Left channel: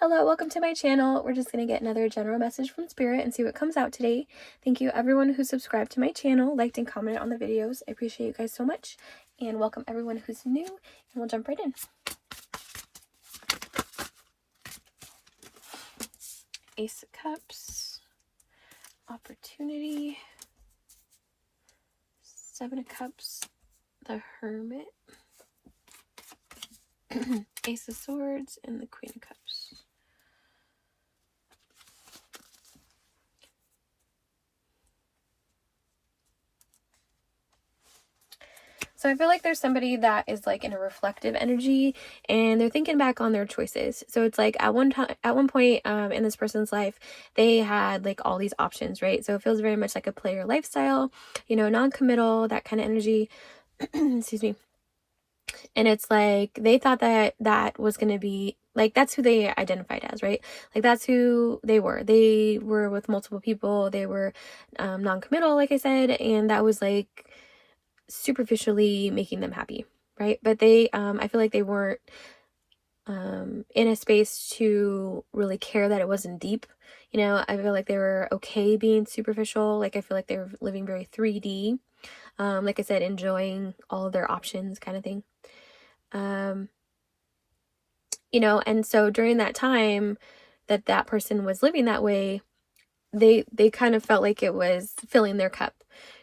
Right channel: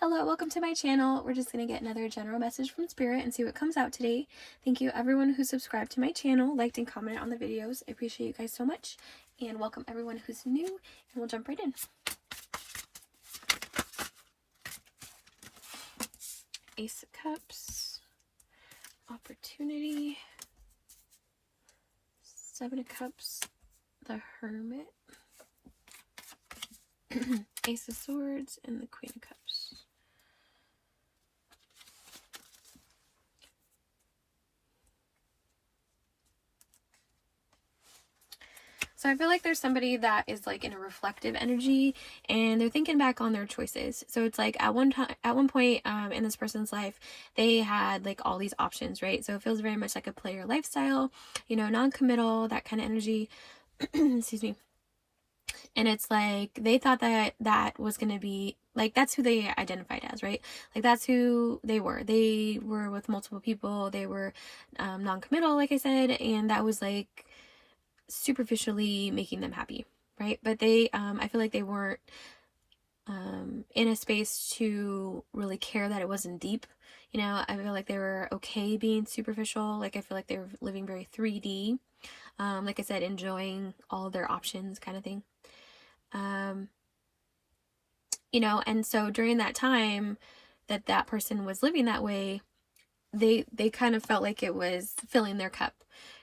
Hello, welcome to my channel. We're just going to get another general message from Spirit and see what comes out today. Thank you everyone who subscribed to my channel, liked and commented on the videos. I appreciate you guys so much. And welcome everyone who's new, and we'll jump right in. Ace of Cups, Opportunity, Seven of Cups, the Hermit, Ace of Swords, and the Queen of Cups. So I feel like there's somebody that is like in a reflective energy and they're thinking back on their choices. So it's like at one point in this person's life, they had like all these options, right? So it feels very much like a player lifestyle, you know, non-committal, that kind of energy. Excuse me. And it's like they thought that that was going to be like, that's who they identified as, right? Like that's who they were. They were with multiple people. They were non-committal, like I said, and that was like superficially making them happy, right? But they I feel like they weren't in a space to really care that it wasn't deep. You know, I feel like they were okay being superficial. Like I feel like they were living very 3D, like I said, enjoying all of their options kind of thing. You know, and so during that time that that person was living that way, they kind of felt like it was filling their cup,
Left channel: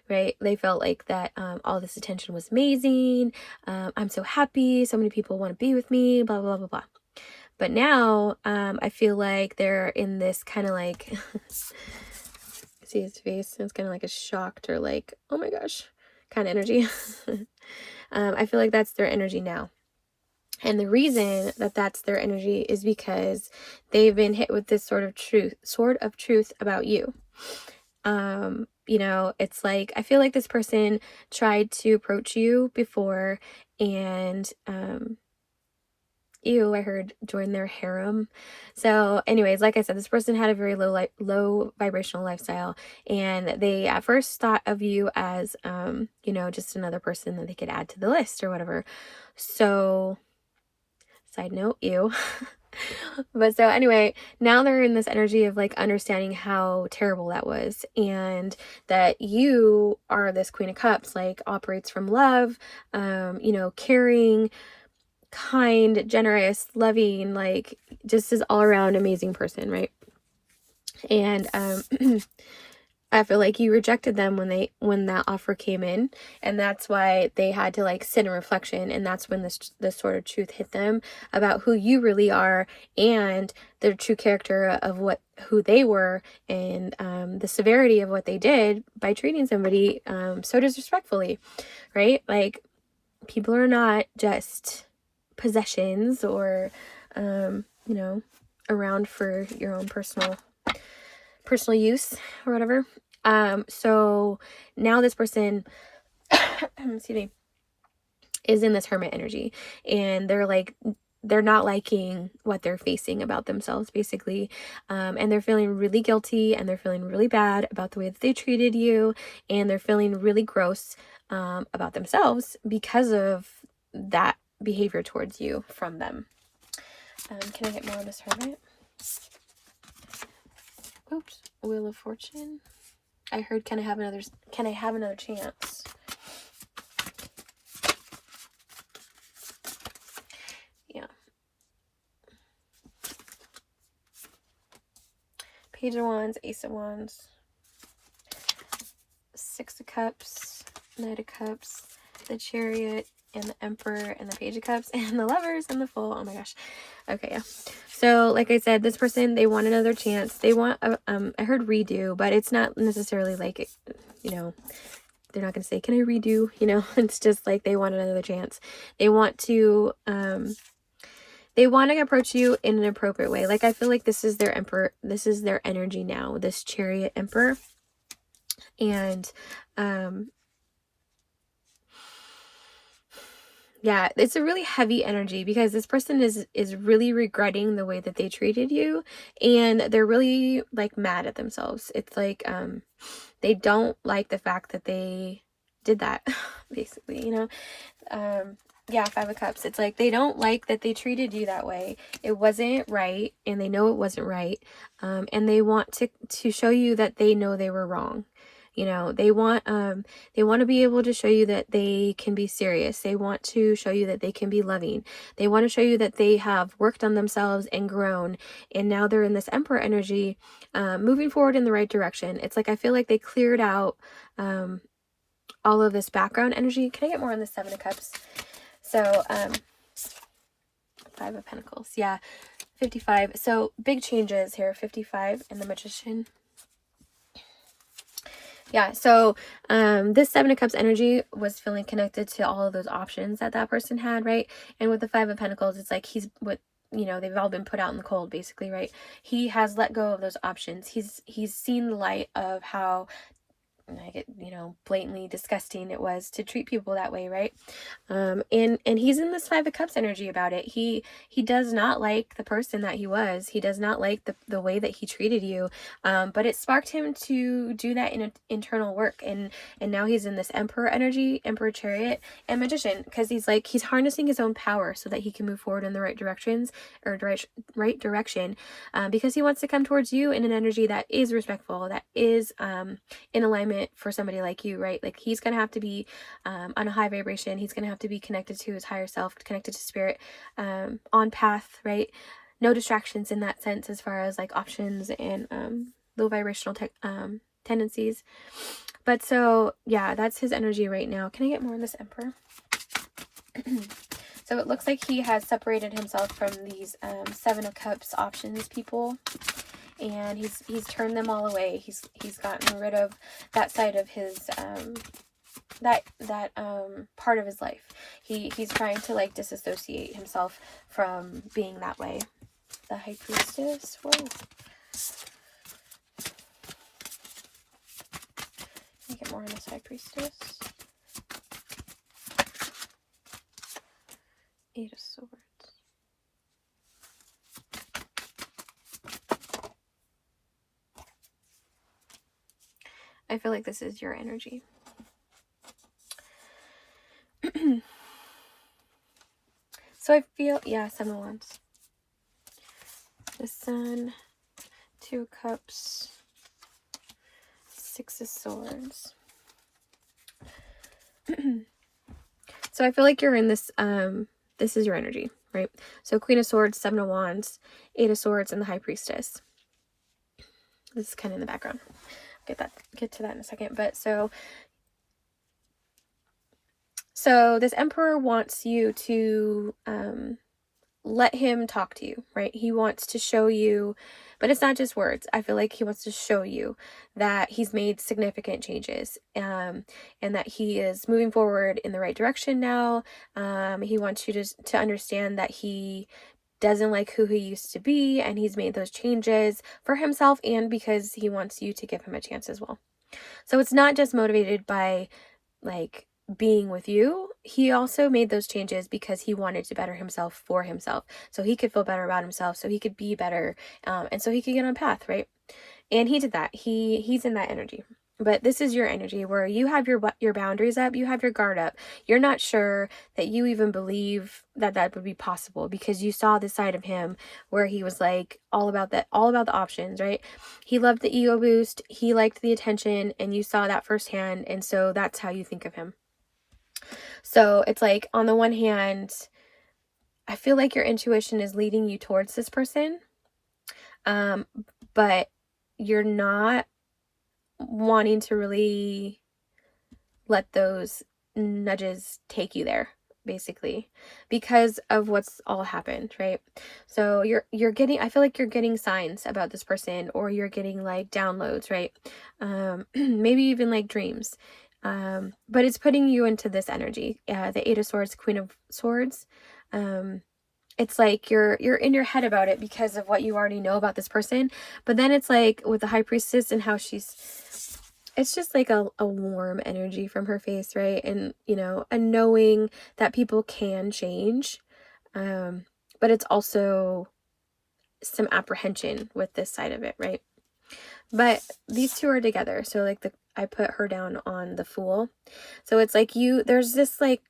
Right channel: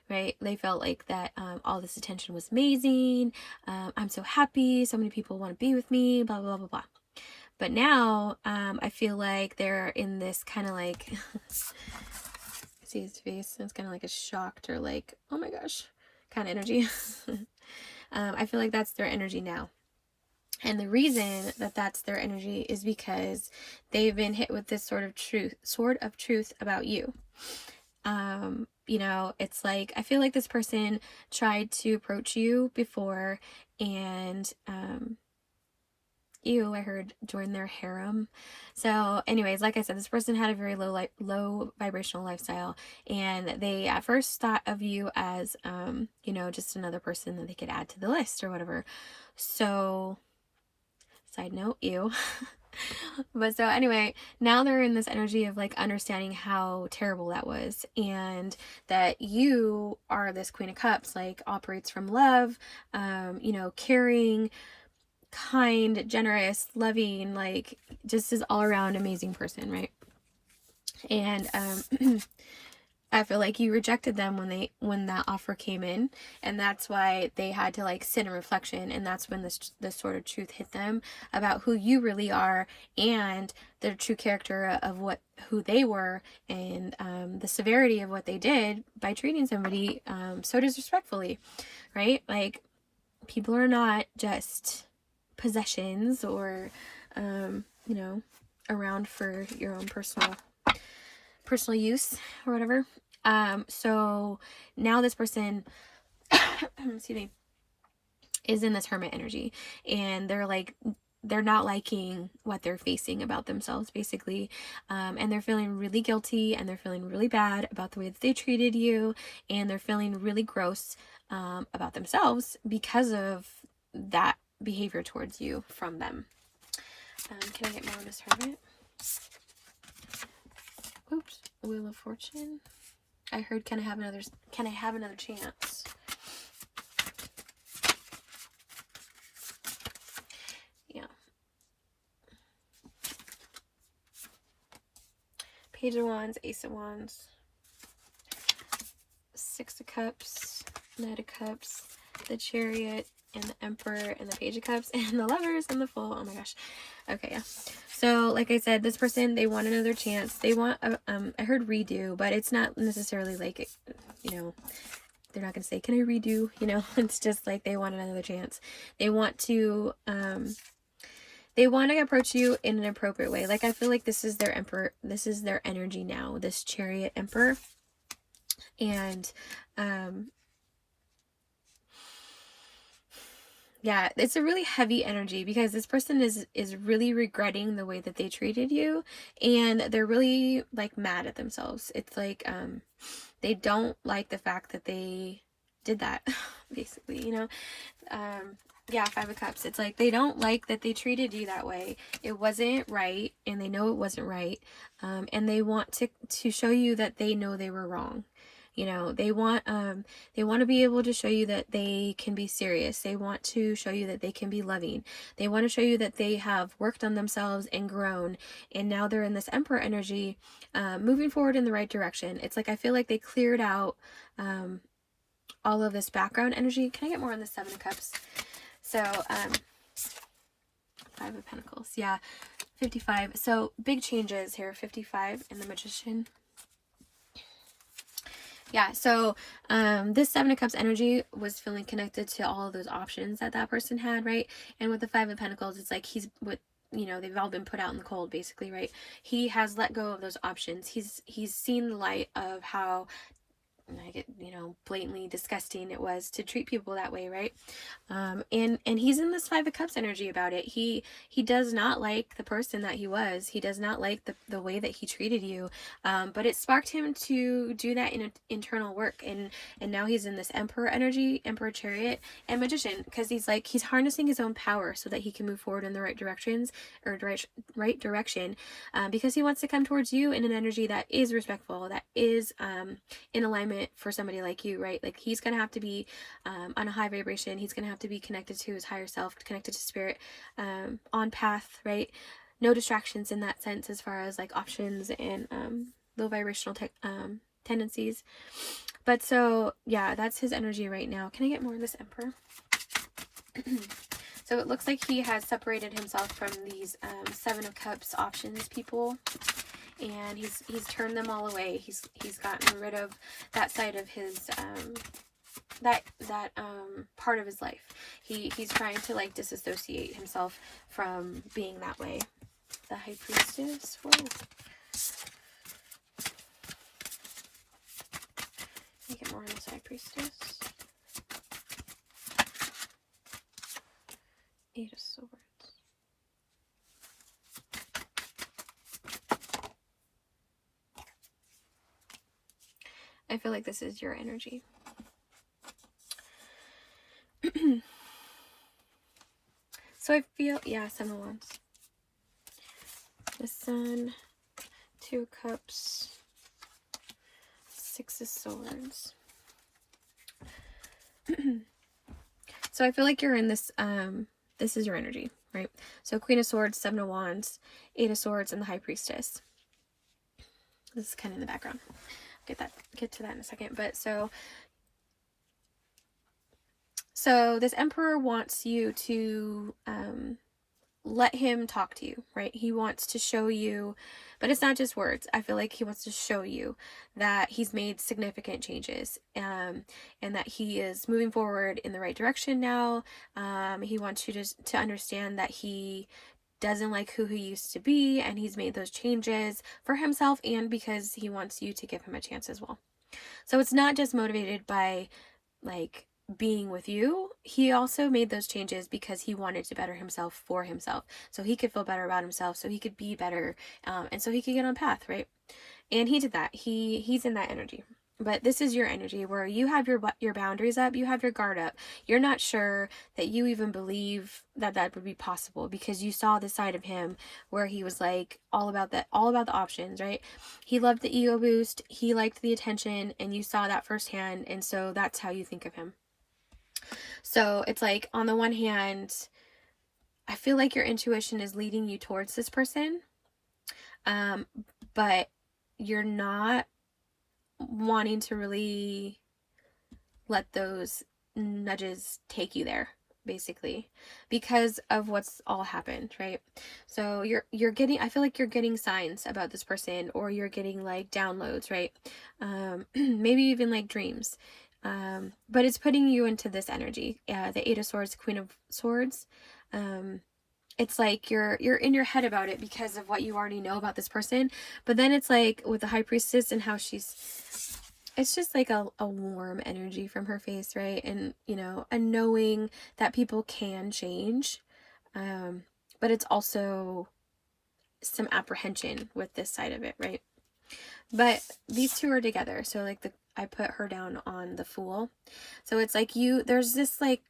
right? They felt like that all this attention was amazing. I'm so happy. So many people want to be with me, blah, blah, blah, blah. But now I feel like they're in this kind of like, see his face, it's kind of like a shocked or like, oh my gosh, kind of energy. I feel like that's their energy now. And the reason that that's their energy is because they've been hit with this sort of truth about you. You know, it's like, I feel like this person tried to approach you before and, ew, I heard join their harem. So anyways, like I said, this person had a very low vibrational lifestyle, and they at first thought of you as, you know, just another person that they could add to the list or whatever. So side note, ew. But so anyway, now they're in this energy of like understanding how terrible that was, and that you are this Queen of Cups, like operates from love, you know, caring, kind, generous, loving, like just this all around amazing person, right? And I feel like you rejected them when that offer came in, and that's why they had to like sit in reflection, and that's when this sort of truth hit them about who you really are and the true character of who they were, and the severity of what they did by treating somebody so disrespectfully, right? Like, people are not just possessions or you know, around for your own personal use or whatever. So now this person excuse me, is in this hermit energy, and they're not liking what they're facing about themselves, basically, and they're feeling really guilty, and they're feeling really bad about the way that they treated you, and they're feeling really gross about themselves because of that behavior towards you from them. Can I get more of this hermit? Oops. Wheel of Fortune. I heard, can I have another chance? Yeah. Page of Wands, Ace of Wands, Six of Cups, Knight of Cups, the Chariot, and the Emperor, and the Page of Cups, and the Lovers, and the Fool. Oh my gosh. Okay, yeah. So, like I said, this person, they want another chance. They want, I heard redo, but it's not necessarily like, you know, they're not going to say, can I redo? You know, it's just like they want another chance. They want to approach you in an appropriate way. Like, I feel like this is their emperor. This is their energy now, this Chariot Emperor. And, yeah, it's a really heavy energy because this person is really regretting the way that they treated you, and they're really like mad at themselves. It's like they don't like the fact that they did that, basically, you know. Yeah, Five of Cups. It's like they don't like that they treated you that way. It wasn't right, and they know it wasn't right. And they want to show you that they know they were wrong. You know, they want to be able to show you that they can be serious. They want to show you that they can be loving. They want to show you that they have worked on themselves and grown, and now they're in this Emperor energy, moving forward in the right direction. It's like I feel like they cleared out all of this background energy. Can I get more on the Seven of Cups? So, Five of Pentacles. Yeah, 55. So, big changes here. 55 and the Magician. Yeah, so this Seven of Cups energy was feeling connected to all of those options that that person had, right? And with the Five of Pentacles, it's like he's what, you know, they've all been put out in the cold, basically, right? He has let go of those options. He's seen the light of how, like, you know, blatantly disgusting it was to treat people that way, right? And he's in this Five of Cups energy about it. He does not like the person that he was. He does not like the way that he treated you. But it sparked him to do that in internal work, and now he's in this Emperor energy, Emperor Chariot, and Magician, because he's harnessing his own power so that he can move forward in the right directions, or right direction, because he wants to come towards you in an energy that is respectful, that is in alignment for somebody like you, right? Like he's gonna have to be on a high vibration. He's gonna have to be connected to his higher self, connected to spirit, on path, right? No distractions in that sense, as far as like options and low vibrational tendencies. But so yeah, that's his energy right now. Can I get more on this Emperor? So it looks like he has separated himself from these Seven of Cups options people, and he's turned them all away. He's gotten rid of that side of his that part of his life. He's trying to like disassociate himself from being that way. The High Priestess. Whoa. Let me get more on this High Priestess. Eight of Swords. I feel like this is your energy. So I feel, yeah, Seven of Wands. The Sun, Two of Cups, Six of Swords. So I feel like you're in this, this is your energy, right? So Queen of Swords, Seven of Wands, Eight of Swords, and the High Priestess. This is kind of in the background. Get to that in a second. But so this Emperor wants you to let him talk to you, right? He wants to show you, but it's not just words. I feel like he wants to show you that he's made significant changes, and that he is moving forward in the right direction now. He wants you to understand that he doesn't like who he used to be, and he's made those changes for himself and because he wants you to give him a chance as well. So it's not just motivated by like being with you. He also made those changes because he wanted to better himself for himself, so he could feel better about himself, so he could be better, and so he could get on path, right? And he did that. He's in that energy. But this is your energy where you have your boundaries up, you have your guard up. You're not sure that you even believe that that would be possible, because you saw the side of him where he was like all about the options, right? He loved the ego boost, he liked the attention, and you saw that firsthand, and so that's how you think of him. So it's like, on the one hand, I feel like your intuition is leading you towards this person, but you're not wanting to really let those nudges take you there, basically, because of what's all happened, right? So you're getting, I feel like you're getting signs about this person, or you're getting like downloads, right? Maybe even like dreams. But it's putting you into this energy. The Eight of Swords, Queen of Swords. It's like you're in your head about it because of what you already know about this person. But then it's like with the High Priestess and how it's just like a warm energy from her face, right? And, you know, a knowing that people can change. But it's also some apprehension with this side of it, right? But these two are together. So like I put her down on the Fool. So it's like there's this like,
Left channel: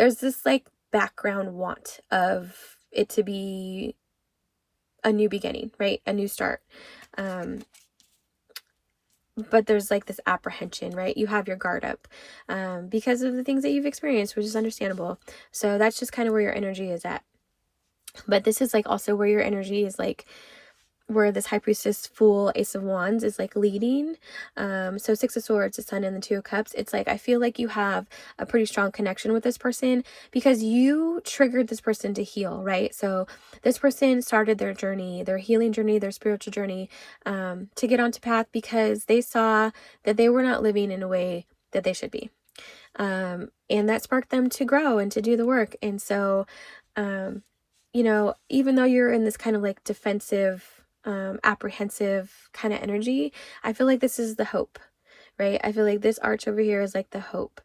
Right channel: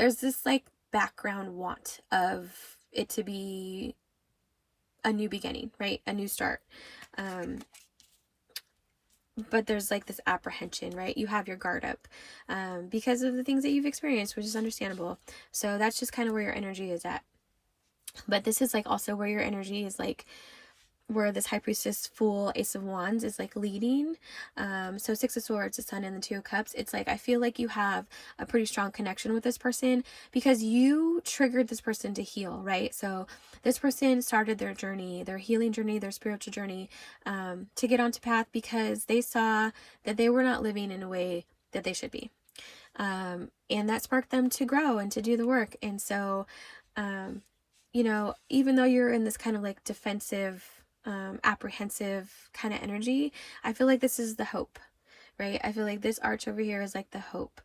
there's this like background want of it to be a new beginning, right? A new start. But there's like this apprehension, right? You have your guard up because of the things that you've experienced, which is understandable. So that's just kind of where your energy is at. But this is like also where your energy is like, where this High Priestess, Fool, Ace of Wands is like leading. So Six of Swords, the Sun, and the Two of Cups. It's like, I feel like you have a pretty strong connection with this person because you triggered this person to heal, right? So this person started their journey, their healing journey, their spiritual journey, to get onto path because they saw that they were not living in a way that they should be. And that sparked them to grow and to do the work. And so, you know, even though you're in this kind of like defensive, apprehensive kind of energy, I feel like this is the hope, right? I feel like this arch over here is like the hope,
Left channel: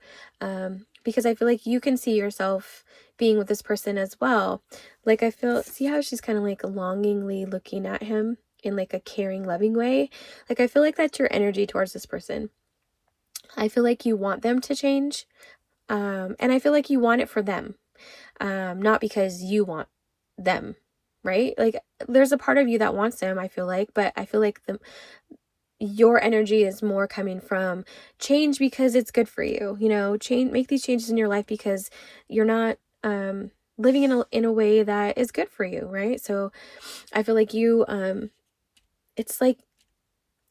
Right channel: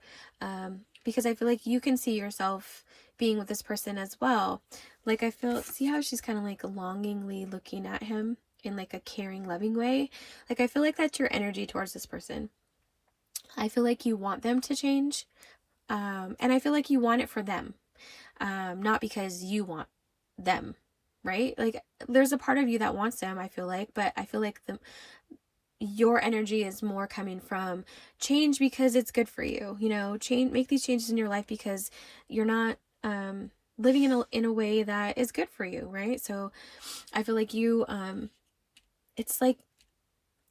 because I feel like you can see yourself being with this person as well. Like I feel, see how she's kind of like longingly looking at him in like a caring, loving way. Like I feel like that's your energy towards this person. I feel like you want them to change, and I feel like you want it for them, not because you want them, right? Like there's a part of you that wants them, I feel like, but I feel like your energy is more coming from change because it's good for you, you know, make these changes in your life because you're not living in a way that is good for you, right? So I feel like you it's like,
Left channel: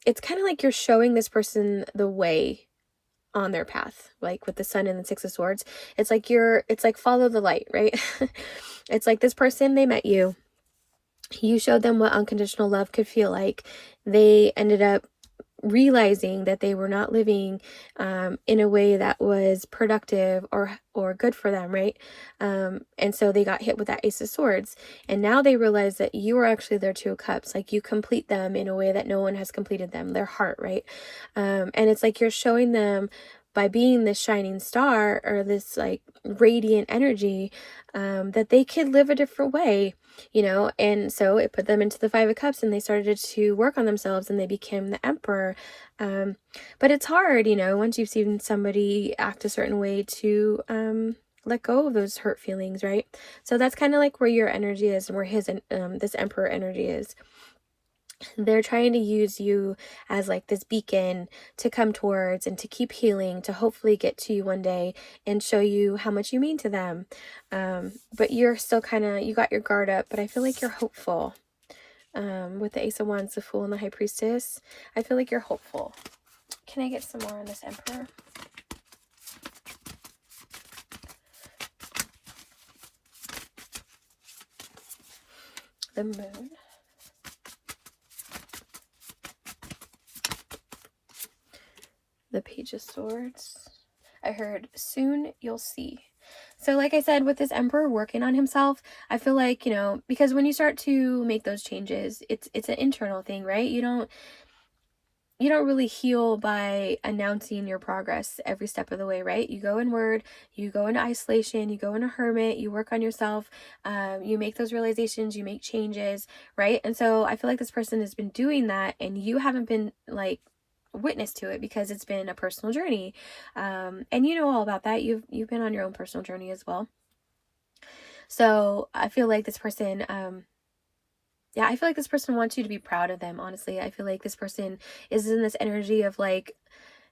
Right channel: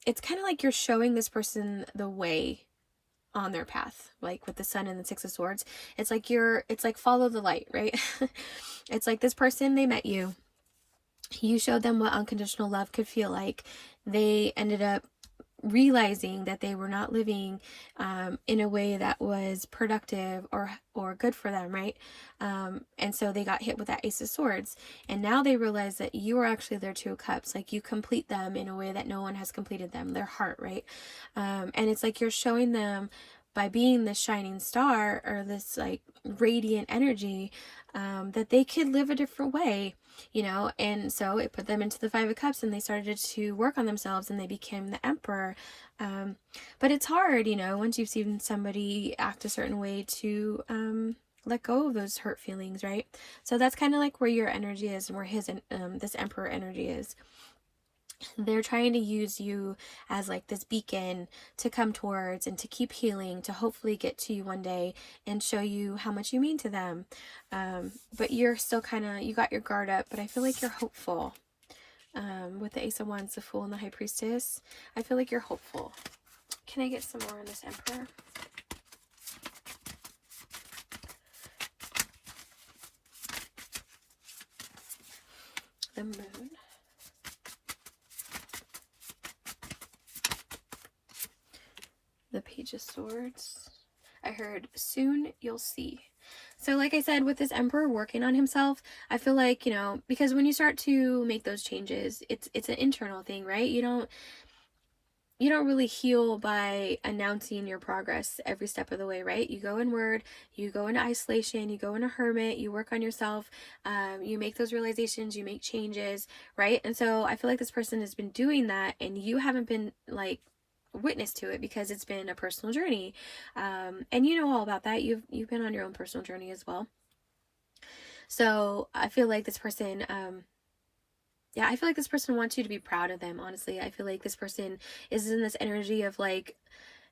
it's kind of like you're showing this person the way on their path, like with the Sun and the Six of Swords. It's like it's like follow the light, right? It's like this person, they met you, you showed them what unconditional love could feel like. They ended up realizing that they were not living in a way that was productive or good for them, right? And so they got hit with that Ace of Swords, and now they realize that you are actually their Two of Cups. Like you complete them in a way that no one has completed them, their heart, right? And it's like you're showing them by being this shining star or this like radiant energy, that they could live a different way, you know. And so it put them into the Five of Cups, and they started to work on themselves, and they became the Emperor. But it's hard, you know, once you've seen somebody act a certain way to let go of those hurt feelings, right? So that's kind of like where your energy is, and where his this Emperor energy is. They're trying to use you as like this beacon to come towards and to keep healing, to hopefully get to you one day and show you how much you mean to them. But you're still kind of, you got your guard up, but I feel like you're hopeful. With the Ace of Wands, the Fool, and the High Priestess, I feel like you're hopeful. Can I get some more on this Emperor? The Moon. The Page of Swords. I heard soon you'll see. So like I said, with this Emperor working on himself, I feel like, you know, because when you start to make those changes, it's an internal thing, right? You don't really heal by announcing your progress every step of the way, right? You go inward, you go into isolation, you go into hermit, you work on yourself, you make those realizations, you make changes, right? And so I feel like this person has been doing that, and you haven't been like witness to it because it's been a personal journey, and you know all about that. You've been on your own personal journey as well. So I feel like this person, yeah, I feel like this person wants you to be proud of them. Honestly, I feel like this person is in this energy of like,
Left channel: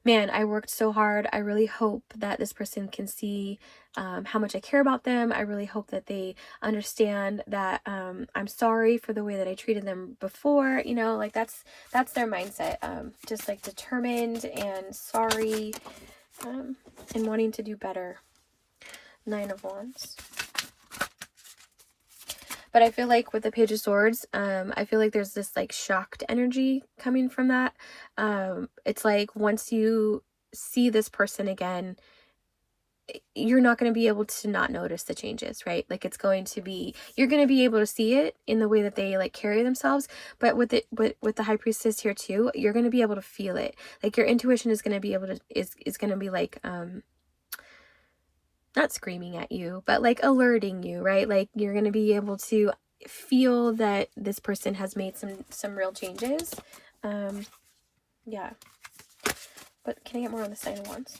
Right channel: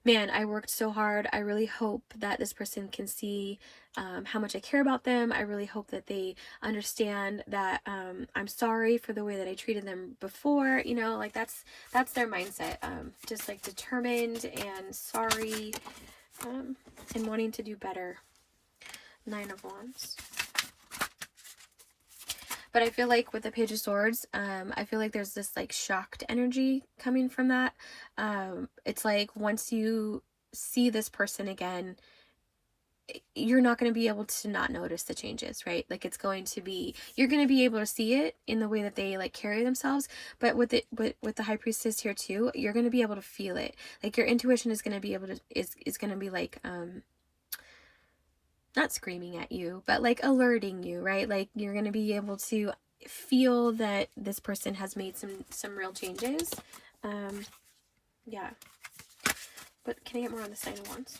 man, I worked so hard. I really hope that this person can see how much I care about them. I really hope that they understand that I'm sorry for the way that I treated them before. You know, like that's their mindset. Just like determined and sorry, and wanting to do better. Nine of Wands. But I feel like with the Page of Swords, I feel like there's this like shocked energy coming from that. It's like once you see this person again, you're not going to be able to not notice the changes, right? Like it's going to be, you're going to be able to see it in the way that they like carry themselves. But with the High Priestess here too, you're going to be able to feel it. Like your intuition is going to be able to, is going to be like, not screaming at you, but like alerting you, right? Like you're going to be able to feel that this person has made some real changes. Yeah. But can I get more on the Nine of Wands?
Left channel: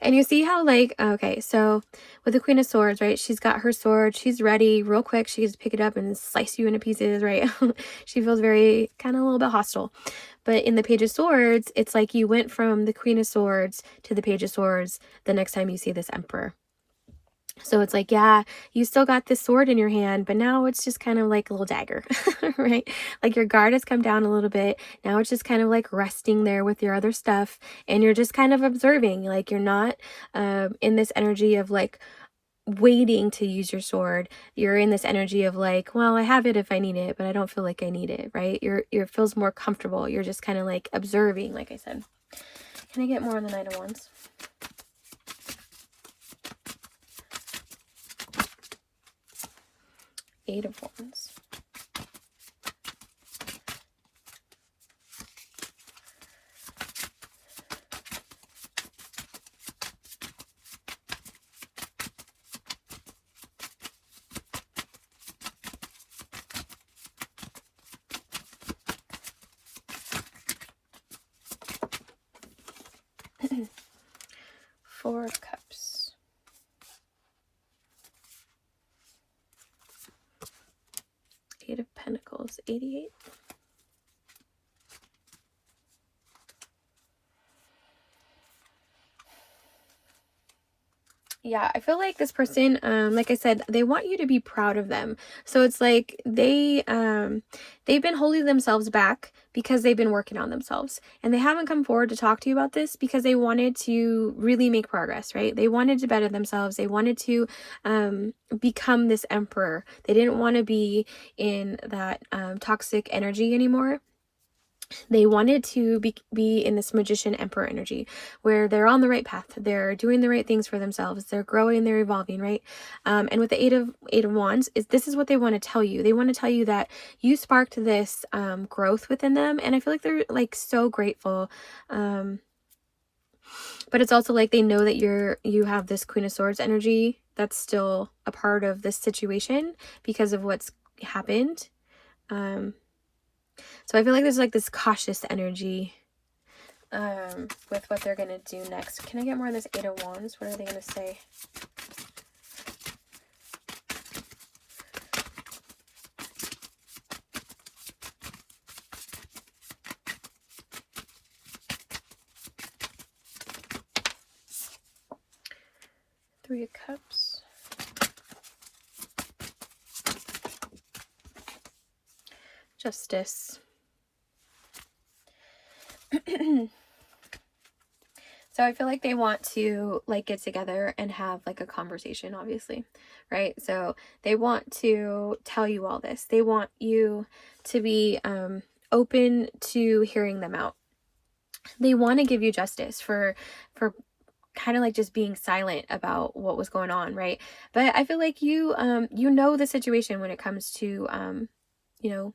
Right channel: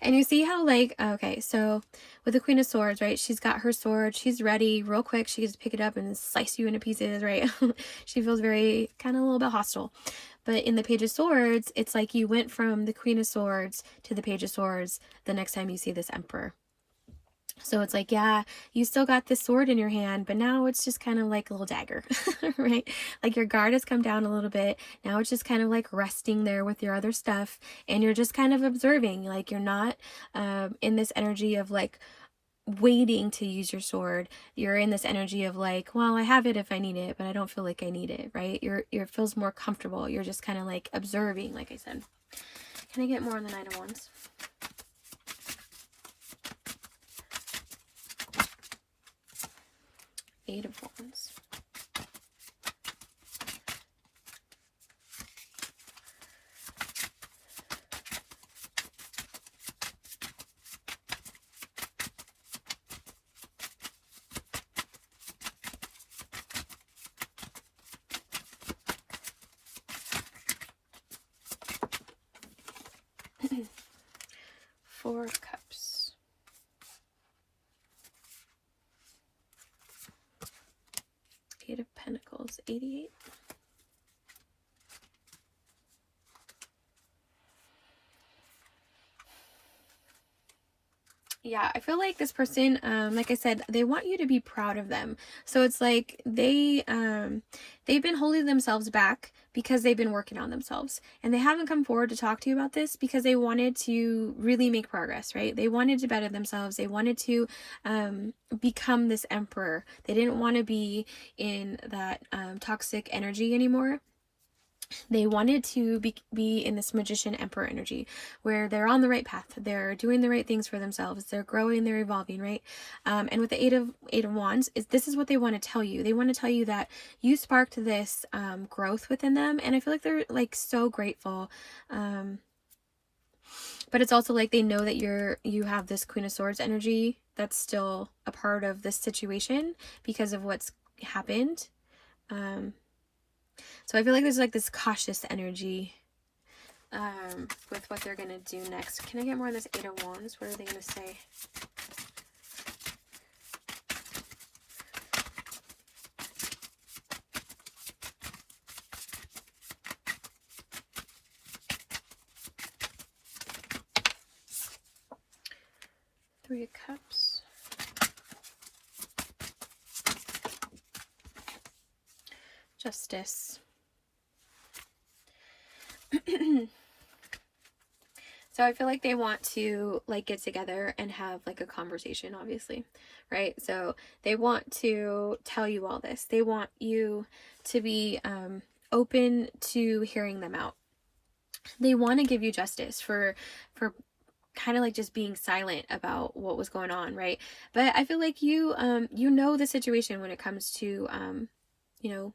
And you see how, like, okay, so with the Queen of Swords, right? She's got her sword. She's ready real quick. She gets to pick it up and slice you into pieces, right? She feels very kind of a little bit hostile. But in the Page of Swords, it's like you went from the Queen of Swords to the Page of Swords the next time you see this Emperor. So it's like, yeah, you still got this sword in your hand, but now it's just kind of like a little dagger, right? Like your guard has come down a little bit. Now it's just kind of like resting there with your other stuff. And you're just kind of observing, like you're not in this energy of like waiting to use your sword. You're in this energy of like, well, I have it if I need it, but I don't feel like I need it, right? You're feels more comfortable. You're just kind of like observing, like I said. Can I get more on the Knight of Wands? Eight of Wands. Four of Cups. Eight of Pentacles. 88. Yeah, I feel like this person, like I said, they want you to be proud of them. So it's like they've been holding themselves back because they've been working on themselves, and they haven't come forward to talk to you about this because they wanted to really make progress, right? They wanted to better themselves. They wanted to become this emperor. They didn't want to be in that toxic energy anymore. They wanted to be in this magician emperor energy where they're on the right path. They're doing the right things for themselves. They're growing, they're evolving, right? And with the eight of wands, this is what they want to tell you. They want to tell you that you sparked this growth within them. And I feel like they're like so grateful. But it's also like they know that you have this Queen of Swords energy that's still a part of this situation because of what's happened. So I feel like there's like this cautious energy with what they're going to do next. Can I get more on this Eight of Wands? What are they going to say? Three of Cups. Justice. So I feel like they want to like get together and have like a conversation, obviously, right? So they want to tell you all this. They want you to be open to hearing them out. They want to give you justice for kind of like just being silent about what was going on, right? But I feel like you know the situation when it comes to you know,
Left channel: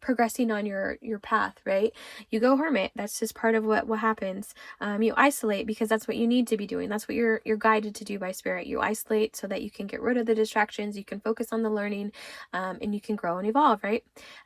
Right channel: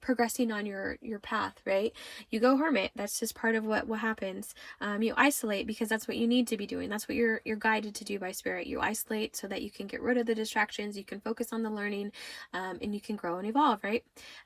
progressing on your path, right? You go hermit. That's just part of what happens. You isolate because that's what you need to be doing. That's what you're guided to do by spirit. You isolate so that you can get rid of the distractions, you can focus on the learning, and you can grow and evolve, right?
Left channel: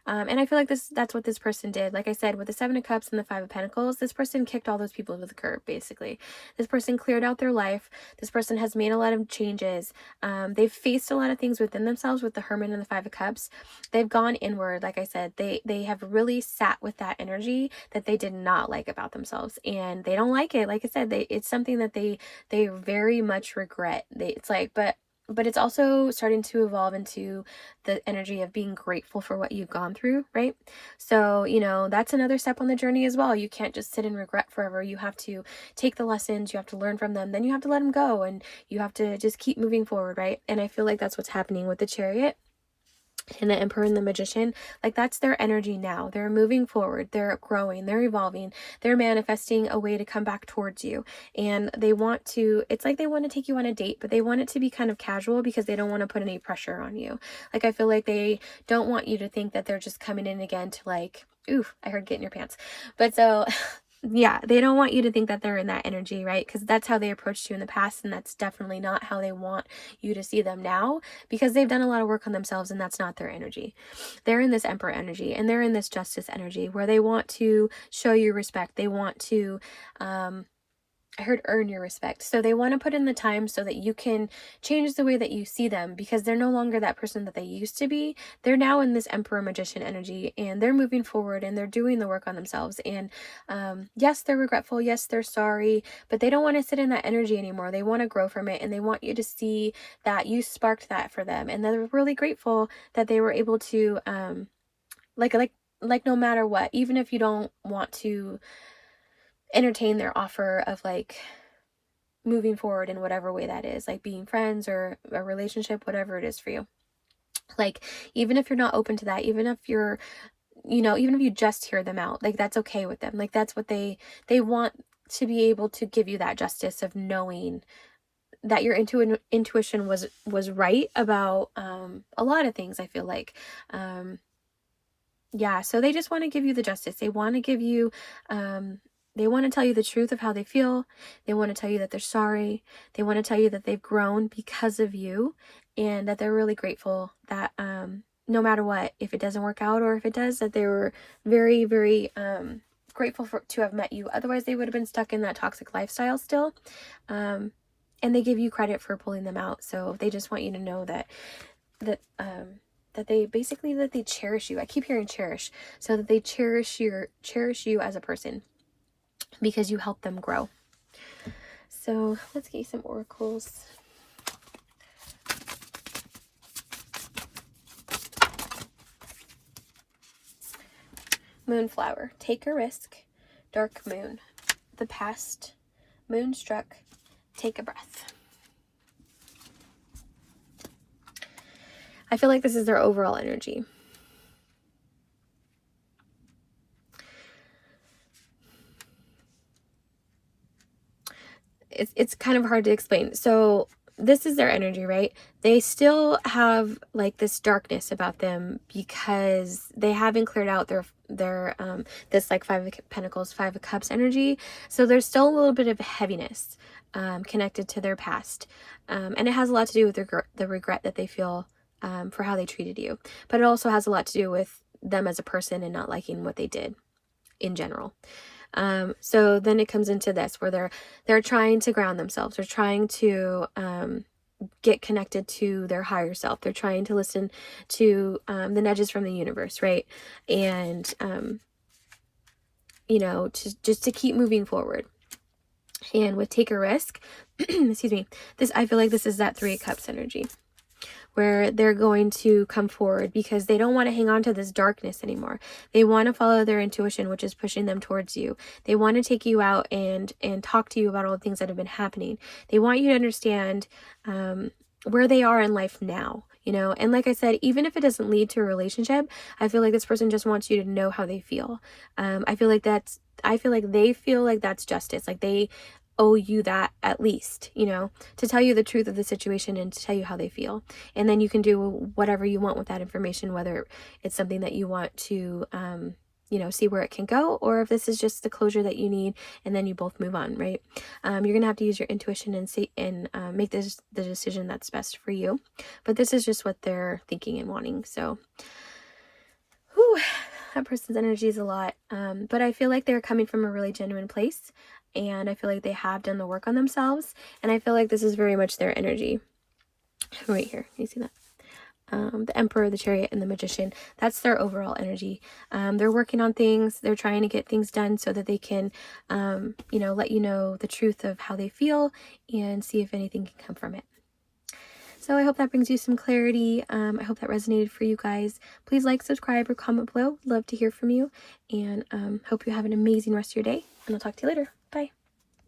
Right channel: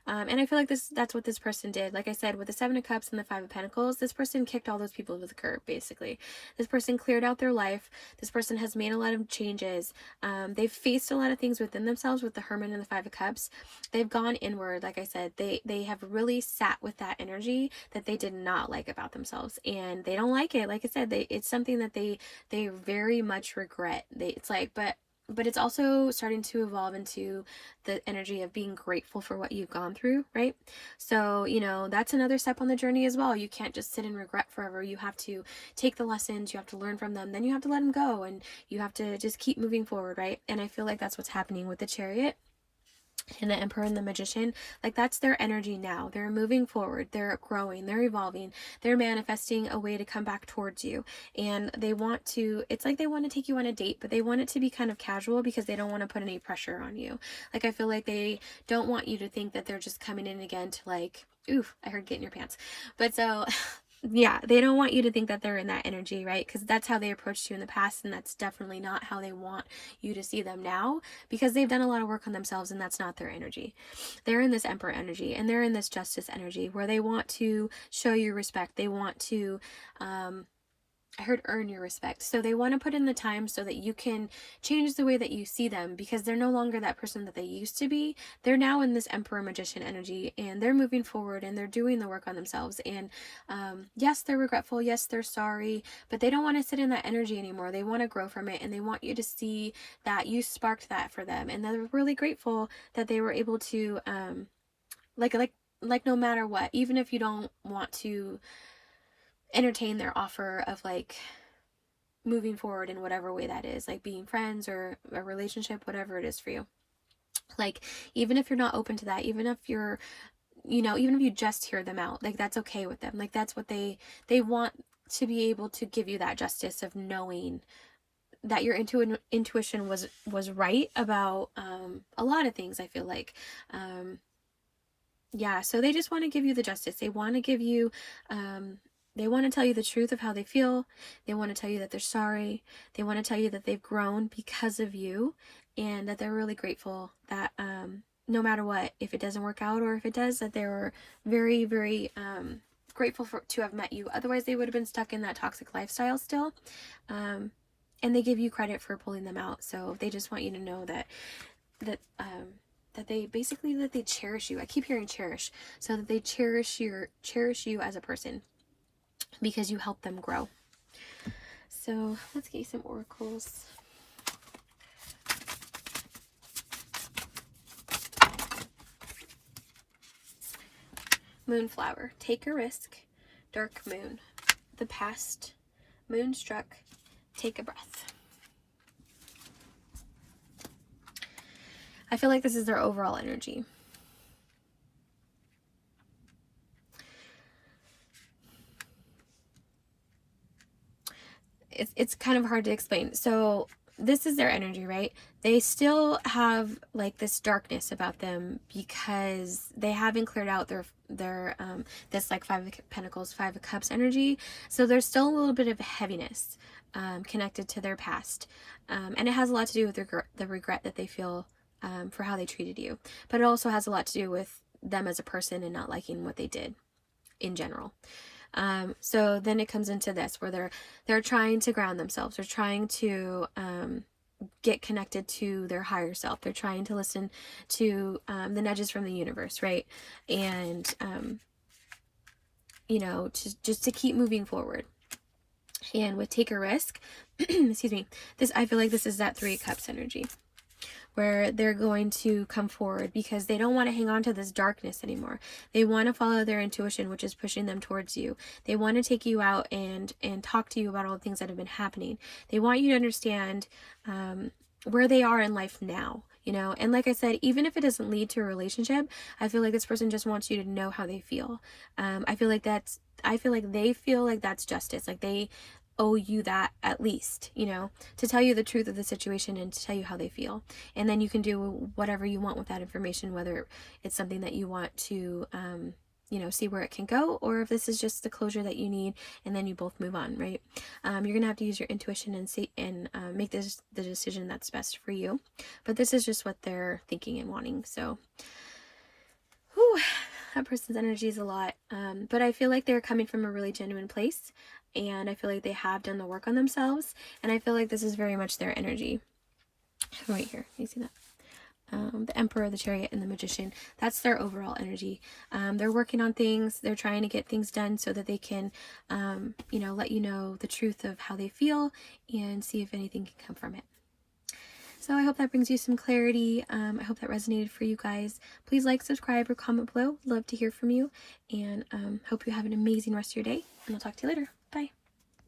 And I feel like that's what this person did. Like I said, with the Seven of Cups and the Five of Pentacles, this person kicked all those people to the curb, basically. This person cleared out their life. This person has made a lot of changes. They've faced a lot of things within themselves with the Hermit and the Five of Cups. They've gone inward, like I said. They have really sat with that energy that they did not like about themselves, and they don't like it. Like I said, it's something that they very much regret. It's like, but it's also starting to evolve into the energy of being grateful for what you've gone through, right? So, you know, that's another step on the journey as well. You can't just sit in regret forever. You have to take the lessons, you have to learn from them, then you have to let them go, and you have to just keep moving forward, right? And I feel like that's what's happening with the Chariot and the Emperor and the Magician. Like, that's their energy now. They're moving forward, they're growing, they're evolving, they're manifesting a way to come back towards you. And they want to, it's like they want to take you on a date, but they want it to be kind of casual because they don't want to put any pressure on you. Like, I feel like they don't want you to think that they're just coming in again to like, ooh, I heard get in your pants. But so yeah, they don't want you to think that they're in that energy, right? Because that's how they approached you in the past, and that's definitely not how they want you to see them now, because they've done a lot of work on themselves, and that's not their energy. They're in this Emperor energy, and they're in this Justice energy where they want to show you respect. They want to I heard earn your respect. So they want to put in the time so that you can change the way that you see them, because they're no longer that person that they used to be. They're now in this Emperor Magician energy, and they're moving forward and they're doing the work on themselves. And yes, they're regretful. Yes, they're sorry, but they don't want to sit in that energy anymore. They want to grow from it, and they want you to see that you sparked that for them. And they're really grateful that they were able to, like no matter what, even if you don't want to entertain their offer of like moving forward in whatever way that is, like being friends or a relationship, whatever it is for you. Like, even if you're not open to that, even if you're, even if you just hear them out, like that's okay with them. Like that's what they want, to be able to give you that justice of knowing that your intuition was right about a lot of things, I feel like. Yeah, so they just want to give you the justice. They want to give you they want to tell you the truth of how they feel. They want to tell you that they're sorry. They want to tell you that they've grown because of you, and that they're really grateful that no matter what, if it doesn't work out or if it does, that they were very, very grateful to have met you. Otherwise, they would have been stuck in that toxic lifestyle still. And they give you credit for pulling them out. So they just want you to know that they basically, that they cherish you. I keep hearing cherish. So that they cherish you as a person, because you help them grow. So let's get you some oracles. Moonflower. Take a risk. Dark moon. The past. Moonstruck. Take a breath. I feel like this is their overall energy. It's kind of hard to explain. So this is their energy, right? They still have like this darkness about them because they haven't cleared out their this like Five of Pentacles, Five of Cups energy. So there's still a little bit of heaviness connected to their past, and it has a lot to do with the regret that they feel for how they treated you. But it also has a lot to do with them as a person and not liking what they did in general. So then it comes into this where they're trying to ground themselves. They're trying to get connected to their higher self. They're trying to listen to the nudges from the universe, right? And just to keep moving forward. And with take a risk, excuse me, I feel like this is that Three of Cups energy, where they're going to come forward because they don't want to hang on to this darkness anymore. They want to follow their intuition, which is pushing them towards you. They want to take you out and talk to you about all the things that have been happening. They want you to understand where they are in life now, and like I said, even if it doesn't lead to a relationship, I feel like this person just wants you to know how they feel. I feel like they feel like that's justice. Like they owe you that, at least, to tell you the truth of the situation and to tell you how they feel. And then you can do whatever you want with that information, whether it's something that you want to, see where it can go, or if this is just the closure that you need, and then you both move on, right? You're going to have to use your intuition and see and make the decision that's best for you. But this is just what they're thinking and wanting. So, that person's energy is a lot. But I feel like they're coming from a really genuine place. And I feel like they have done the work on themselves. And I feel like this is very much their energy. Right here. You see that? The Emperor, the Chariot, and the Magician. That's their overall energy. They're working on things. They're trying to get things done so that they can, let you know the truth of how they feel and see if anything can come from it. So I hope that brings you some clarity. I hope that resonated for you guys. Please like, subscribe, or comment below. Love to hear from you. And hope you have an amazing rest of your day. And I'll talk to you later. Bye.